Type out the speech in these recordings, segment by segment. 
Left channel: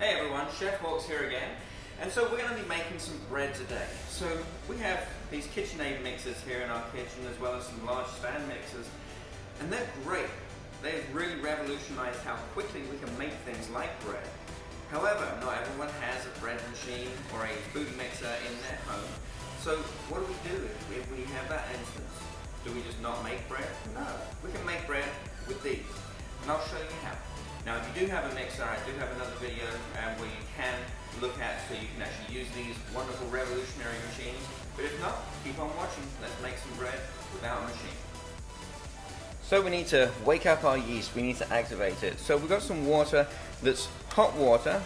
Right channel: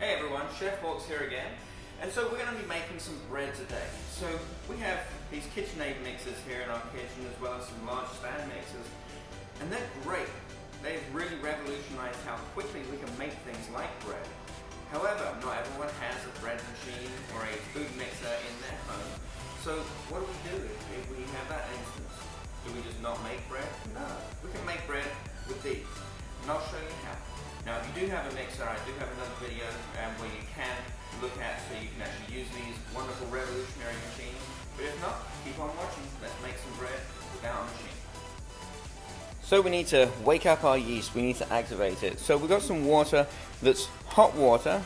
Hey everyone, Chef Hawks here again. And so we're going to be making some bread today. So we have these KitchenAid mixers here in our kitchen, as well as some large stand mixers. And they're great. They've really revolutionized how quickly we can make things like bread. However, not everyone has a bread machine or a food mixer in their home. So what do we do if we have that instance? Do we just not make bread? No, we can make bread with these. And I'll show you how. Now, if you do have a mixer, I do have another video where you can look at so you can actually use these wonderful revolutionary machines. But if not, keep on watching. Let's make some bread without a machine. So we need to wake up our yeast. We need to activate it. So we've got some water that's hot water.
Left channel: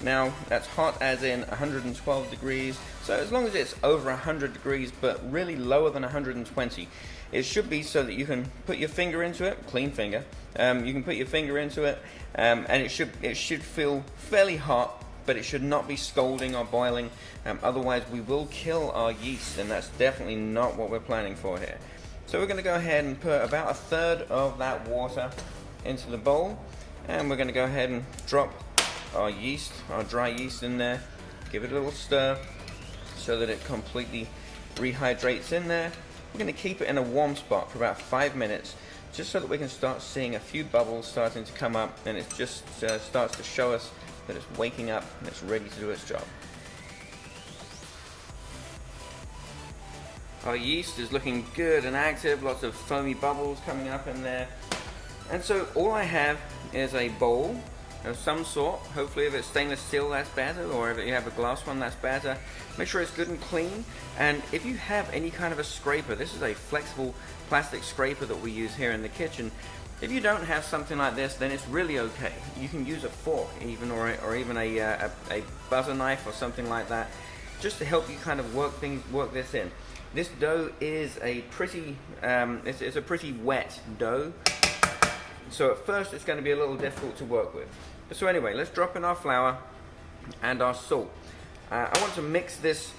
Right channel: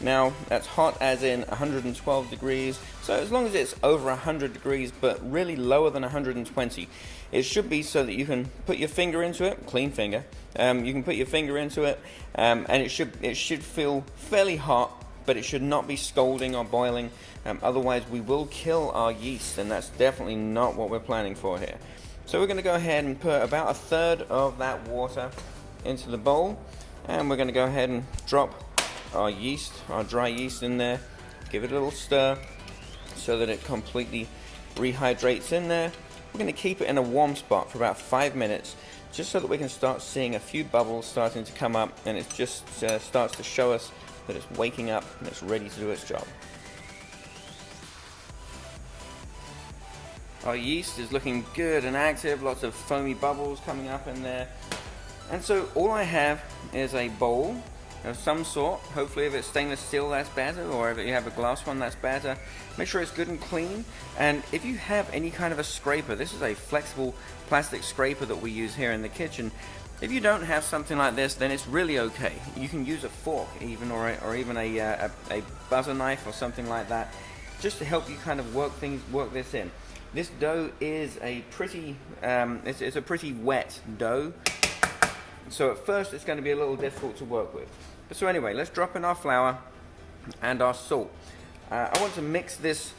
Now, that's hot as in 112 degrees. So as long as it's over 100 degrees, but really lower than 120, it should be so that you can put your finger into it, clean finger. You can put your finger into it, and it should feel fairly hot, but it should not be scalding or boiling. Otherwise, we will kill our yeast, and that's definitely not what we're planning for here. So we're going to go ahead and put about a third of that water into the bowl, and we're going to go ahead and drop our yeast, our dry yeast in there. Give it a little stir so that it completely rehydrates in there. We're going to keep it in a warm spot for about 5 minutes, just so that we can start seeing a few bubbles starting to come up, and it just starts to show us that it's waking up and it's ready to do its job. Our yeast is looking good and active, lots of foamy bubbles coming up in there. And so all I have is a bowl of some sort. Hopefully if it's stainless steel, that's better, or if you have a glass one, that's better. Make sure it's good and clean. And if you have any kind of a scraper, this is a flexible plastic scraper that we use here in the kitchen. If you don't have something like this, then it's really okay. You can use a fork even, or even a butter knife or something like that, just to help you kind of work this in. This dough is a pretty, it's a pretty wet dough. So at first it's going to be a little difficult to work with. So anyway, let's drop in our flour and our salt. I want to mix this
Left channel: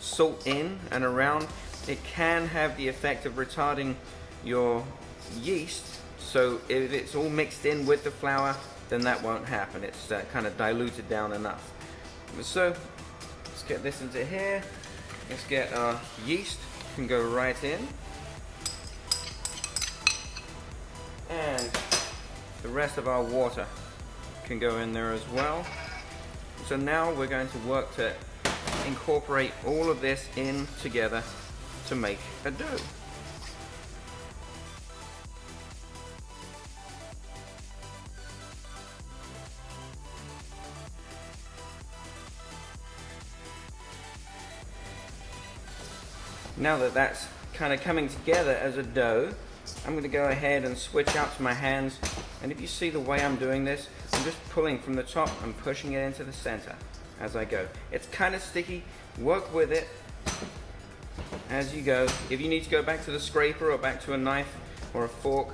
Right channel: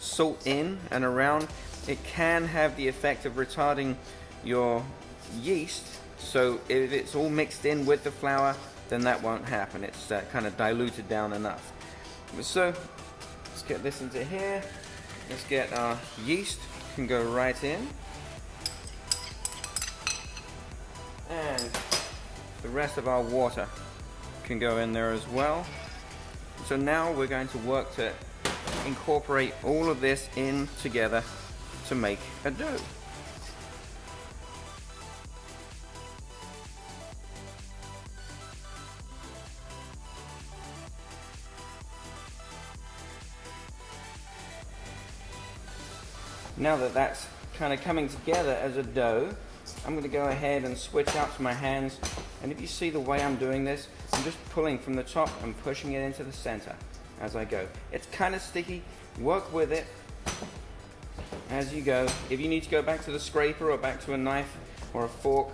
salt in and around. It can have the effect of retarding your yeast. So if it's all mixed in with the flour, then that won't happen. It's kind of diluted down enough. So let's get this into here. Let's get our yeast. Can go right in. And the rest of our water can go in there as well. So now we're going to work to incorporate all of this in together to make a dough. Now that that's kind of coming together as a dough, I'm going to go ahead and switch out to my hands, and if you see the way I'm doing this, I'm just pulling from the top and pushing it into the center as I go. It's kind of sticky. Work with it as you go. If you need to go back to the scraper or back to a knife or a fork,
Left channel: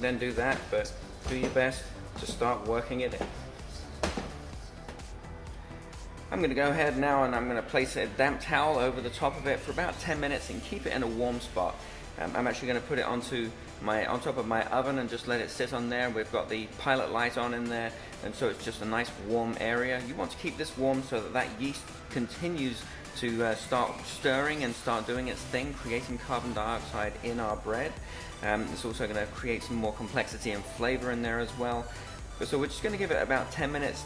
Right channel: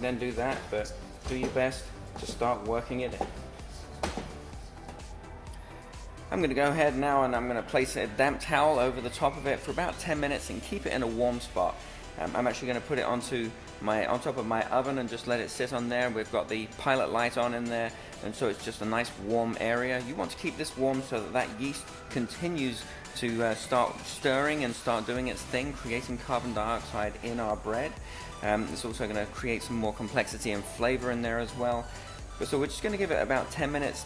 then do that, but do your best to start working it in. I'm going to go ahead now and I'm going to place a damp towel over the top of it for about 10 minutes and keep it in a warm spot. I'm actually going to put it on top of my oven and just let it sit on there. We've got the pilot light on in there, and so it's just a nice warm area. You want to keep this warm so that yeast continues to start stirring and start doing its thing, creating carbon dioxide in our bread. It's also going to create some more complexity and flavor in there as well. So we're just going to give it about 10 minutes.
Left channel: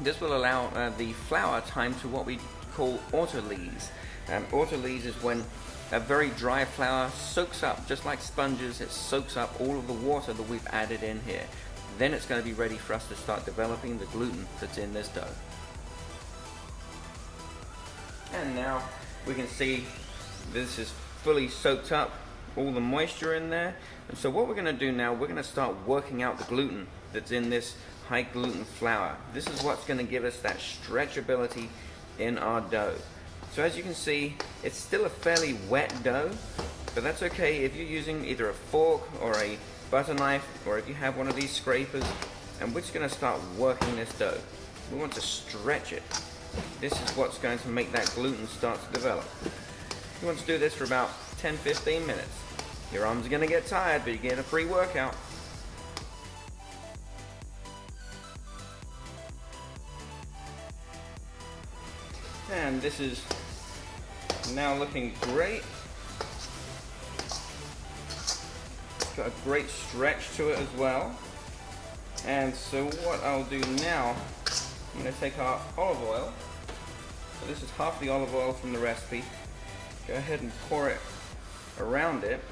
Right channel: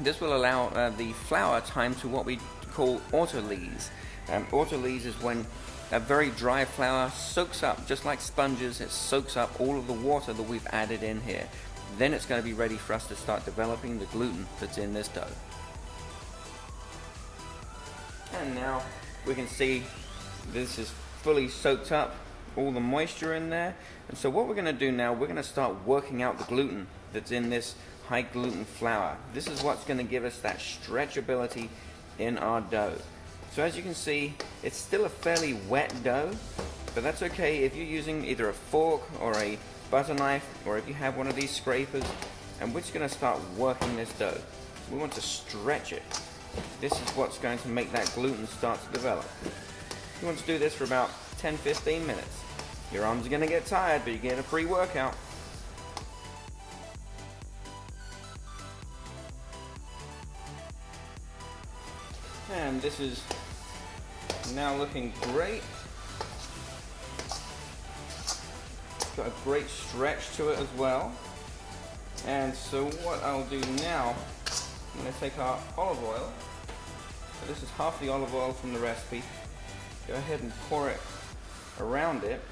This will allow the flour time to what we call autolyse. Autolyse is when a very dry flour soaks up, just like sponges, it soaks up all of the water that we've added in here. Then it's going to be ready for us to start developing the gluten that's in this dough. And now we can see this is fully soaked up, all the moisture in there. And so what we're going to do now, we're going to start working out the gluten that's in this high gluten flour. This is what's going to give us that stretchability in our dough. So as you can see, it's still a fairly wet dough, but that's okay if you're using either a fork or a butter knife, or if you have one of these scrapers, and we're just going to start working this dough. We want to stretch it. This is what's going to make that gluten start to develop. You want to do this for about 10-15 minutes. Your arms are going to get tired, but you get a pre-workout. And this is now looking great. It's got a great stretch to it as well. And so what I'll do now, I'm going to take our olive oil. So this is half the olive oil from the recipe. Go ahead and pour it around it.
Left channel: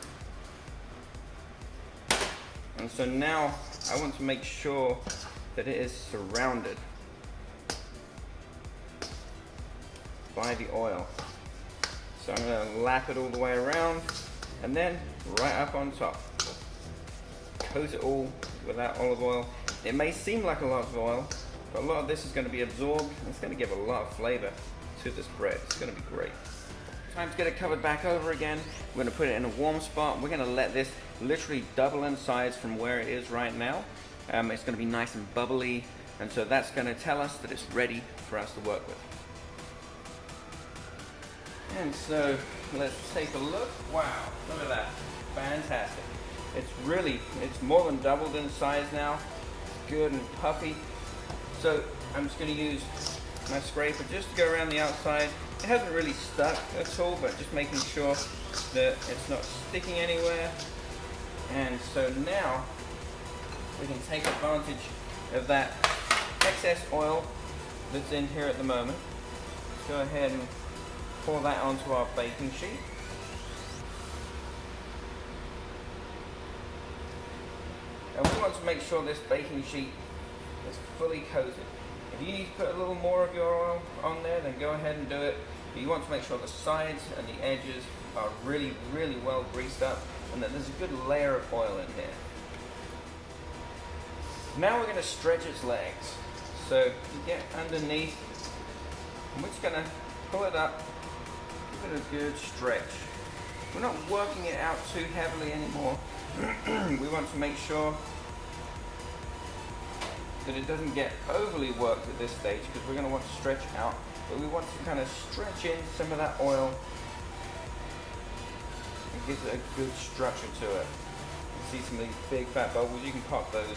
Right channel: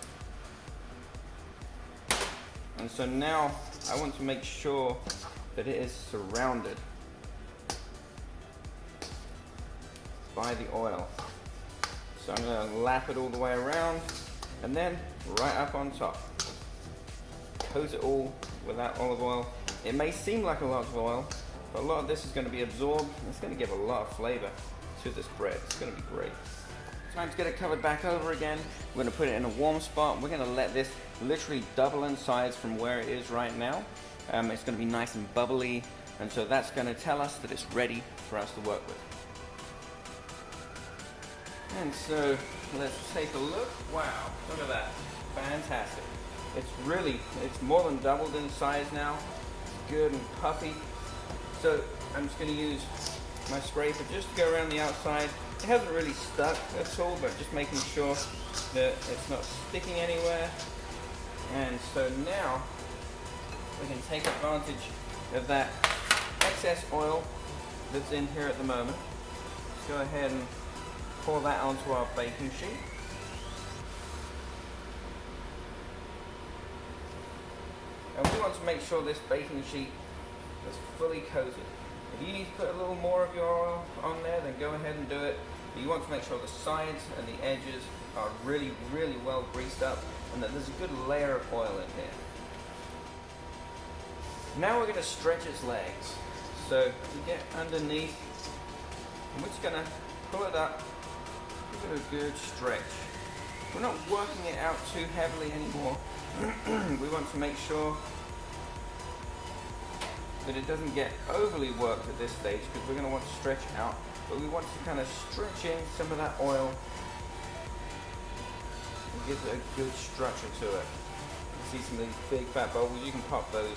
And so now I want to make sure that it is surrounded by the oil. So I'm going to lap it all the way around and then right up on top. Coat it all with that olive oil. It may seem like a lot of oil, but a lot of this is going to be absorbed and it's going to give a lot of flavor to this bread. It's going to be great. Time to get it covered back over again. We're going to put it in a warm spot. We're going to let this literally double in size from where it is right now. It's going to be nice and bubbly, and so that's going to tell us that it's ready for us to work with. And so let's take a look. Wow, look at that. Fantastic. It's more than doubled in size now. It's good and puffy. So I'm just going to use my scraper just to go around the outside. It hasn't really stuck at all, but just making sure that it's not sticking anywhere. And so now we can take advantage of that excess oil that's in here at the moment. Let's go ahead and pour that onto our baking sheet. And we want to make sure this baking sheet is fully coated. If you need to put a little more of your oil on there, then go ahead and do it. But you want to make sure the sides and the edges are really, really well greased up and that there's a good layer of oil in here. Now we're going to stretch its legs. So you get underneath and we're just going to pull it up, give it a good stretch. We're not working it out too heavily anymore. We want to make sure that it doesn't get overly worked at this stage because we're going to want to stretch out, but we want to kind of stretch in some of that oil and give it a good structure to it. You see some of these big fat bubbles, you can pop those.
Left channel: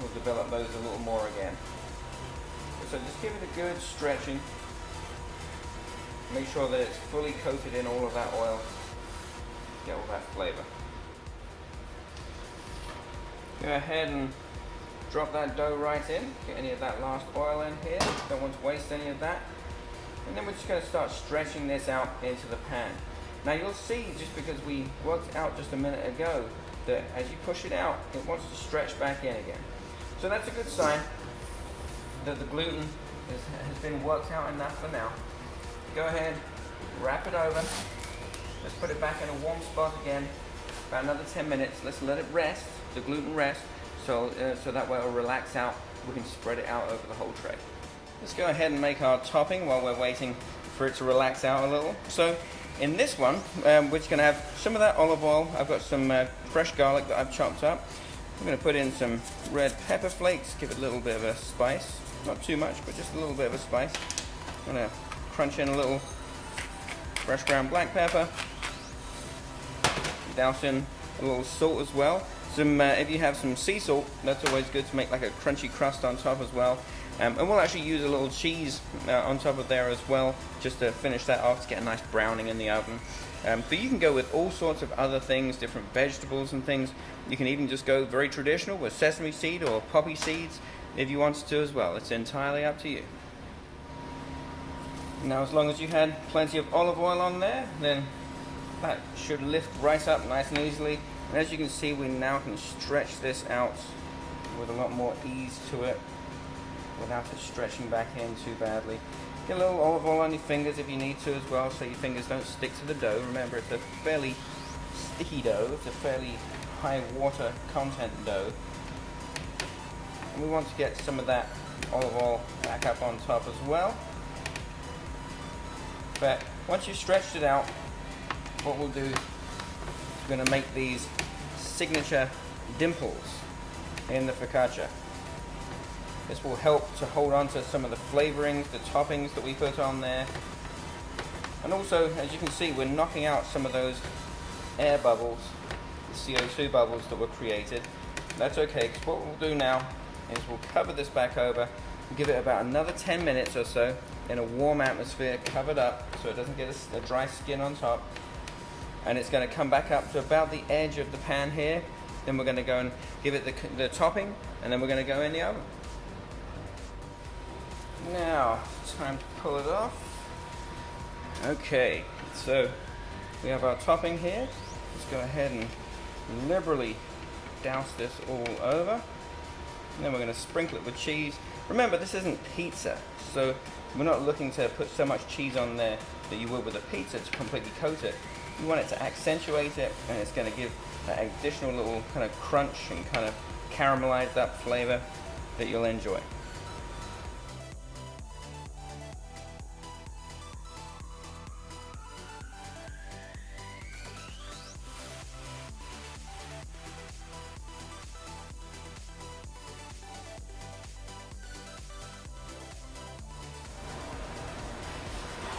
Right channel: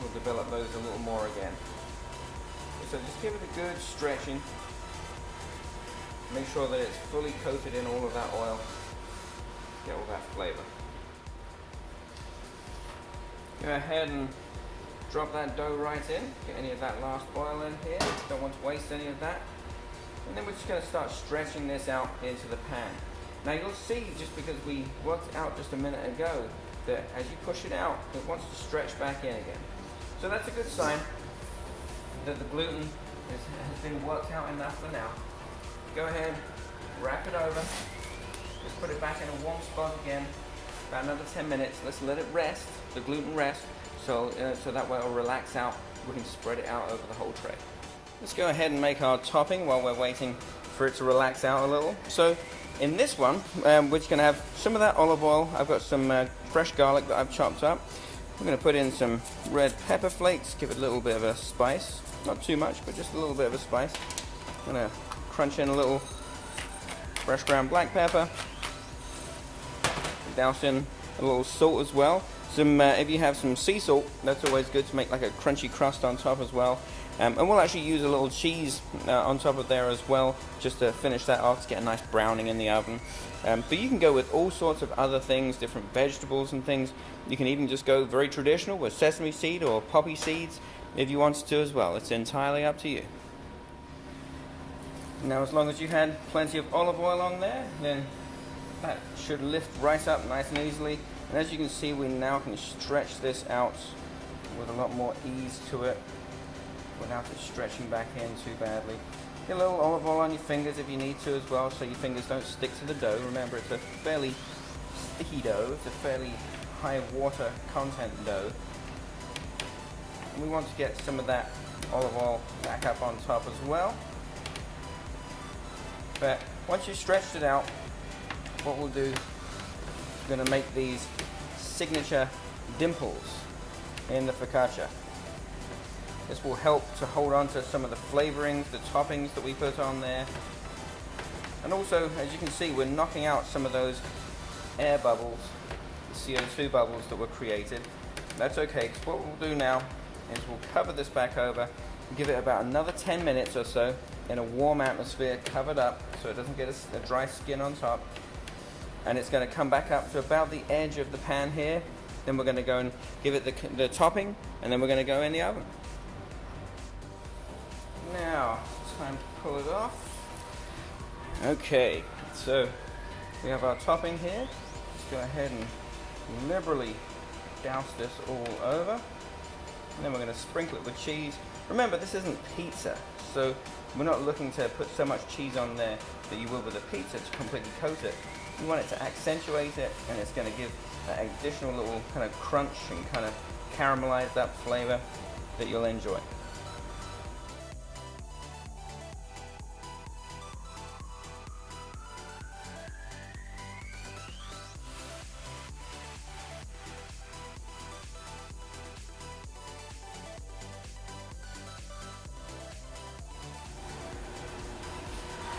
We'll develop those a little more again. So just give it a good stretching. Make sure that it's fully coated in all of that oil. Get all that flavor. Go ahead and drop that dough right in. Get any of that last oil in here. Don't want to waste any of that. And then we're just going to start stretching this out into the pan. Now you'll see, just because we worked out just a minute ago, that as you push it out, it wants to stretch back in again. So that's a good sign that the gluten has been worked out enough for now. Go ahead, wrap it over. Let's put it back in a warm spot again. About another 10 minutes. Let's let it rest, the gluten rest, so that way it'll relax out. We can spread it out over the whole tray. Let's go ahead and make our topping while we're waiting for it to relax out a little. So in this one, we're just going to have some of that olive oil. I've got some fresh garlic that I've chopped up. I'm going to put in some red pepper flakes, give it a little bit of a spice. Not too much, but just a little bit of a spice. I'm going to crunch in a little fresh ground black pepper. Douse in a little salt as well. If you have some sea salt, that's always good to make like a crunchy crust on top as well. And we'll actually use a little cheese on top of there as well, just to finish that off, to get a nice browning in the oven. But you can go with all sorts of other things, different vegetables and things. You can even just go very traditional with sesame seed or poppy seeds if you wanted to as well. It's entirely up to you. Now, as long as you've had plenty of olive oil on there, then that should lift right up nice and easily. And as you can see, we now can stretch this out with a lot more ease to it without it stretching back in too badly. Get a little olive oil on your fingers if you need to as well, so your fingers don't stick to the dough. Remember, it's a fairly sticky dough. It's a fairly high water content dough. And we want to get some of that olive oil back up on top as well. But once you've stretched it out, what we'll do is we're going to make these signature dimples in the focaccia. This will help to hold on to some of the flavorings, the toppings that we put on there. And also, as you can see, we're knocking out some of those air bubbles, the CO2 bubbles that were created. That's okay, because what we'll do now is we'll cover this back over and give it about another 10 minutes or so in a warm atmosphere, covered up so it doesn't get a dry skin on top. And it's going to come back up to about the edge of the pan here. Then we're going to go and give it the topping, and then we're going to go in the oven. Now, time to pull it off. Okay, so we have our topping here. Let's go ahead and liberally douse this all over. And then we're going to sprinkle it with cheese. Remember, this isn't pizza, so we're not looking to put so much cheese on there that you would with a pizza to completely coat it. You want it to accentuate it, and it's going to give that additional little kind of crunch and kind of caramelized up flavor that you'll enjoy.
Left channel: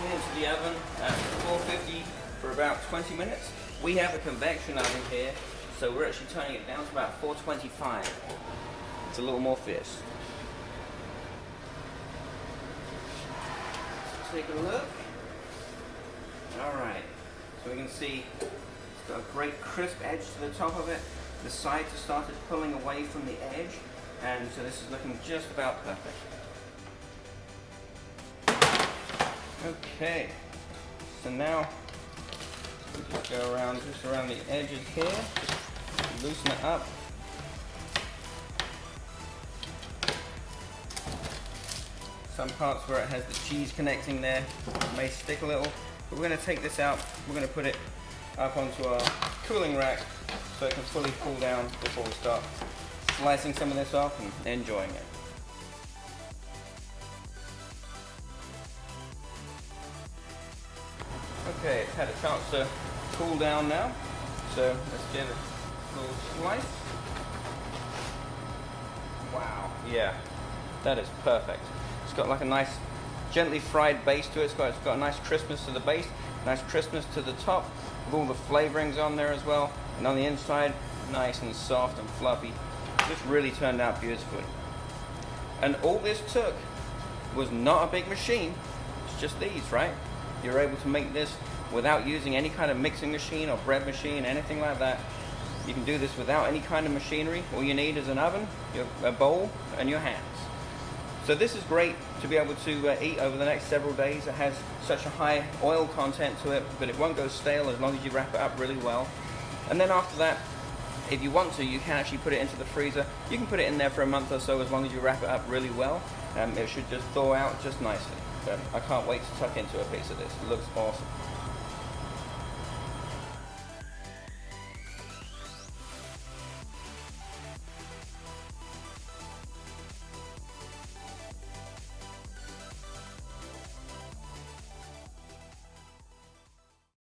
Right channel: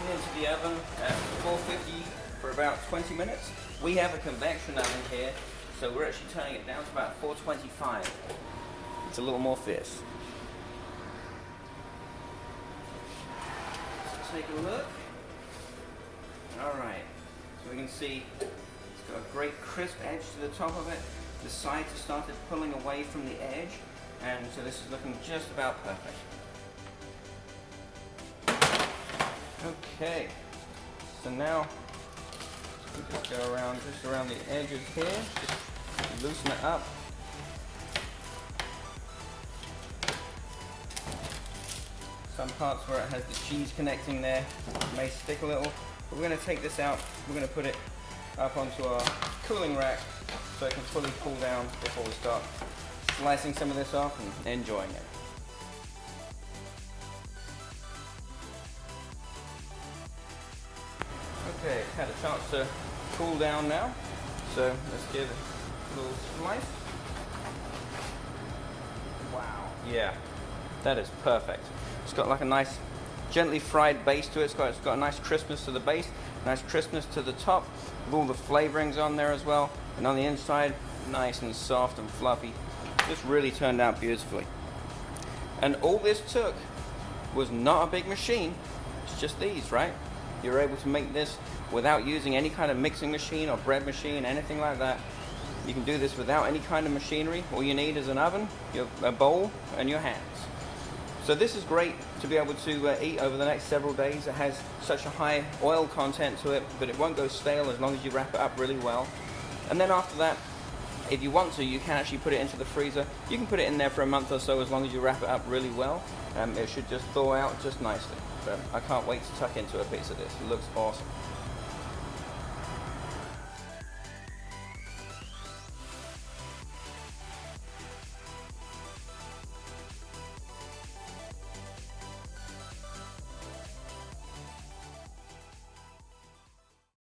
Into the oven at 450 for about 20 minutes. We have a convection oven here, so we're actually turning it down to about 425. It's a little more fierce. Let's take a look. Alright, so we can see it's got a great crisp edge to the top of it. The sides have started pulling away from the edge, and so this is looking just about perfect. Okay, so now we just go around just around the edges here, just loosen it up. Some parts where it has the cheese connecting there may stick a little, but we're going to take this out. We're going to put it up onto our cooling rack so it can fully cool down before we start slicing some of this off and enjoying it. Okay, it's had a chance to cool down now, so let's give it a little slice. Wow, yeah, that is perfect. It's got like a nice gently fried base to it. It's got a nice crispness to the base, nice crispness to the top, with all the flavorings on there as well. And on the inside, nice and soft and fluffy. This really turned out beautifully. And all this took was not a big machine. It's just these, right? You're able to make this without using any kind of mixing machine or bread machine, anything like that. You can do this without any kind of machinery. All you need is an oven, a bowl, and your hands. So this is great to be able to eat over the next several days. It has such a high oil content to it, but it won't go stale as long as you wrap it up really well. And then after that, if you want to, you can actually put it into the freezer. You can put it in there for a month or so as long as you wrap it up really well. It should just thaw out just nicely. But I can't wait to tuck into a piece of this. It looks awesome.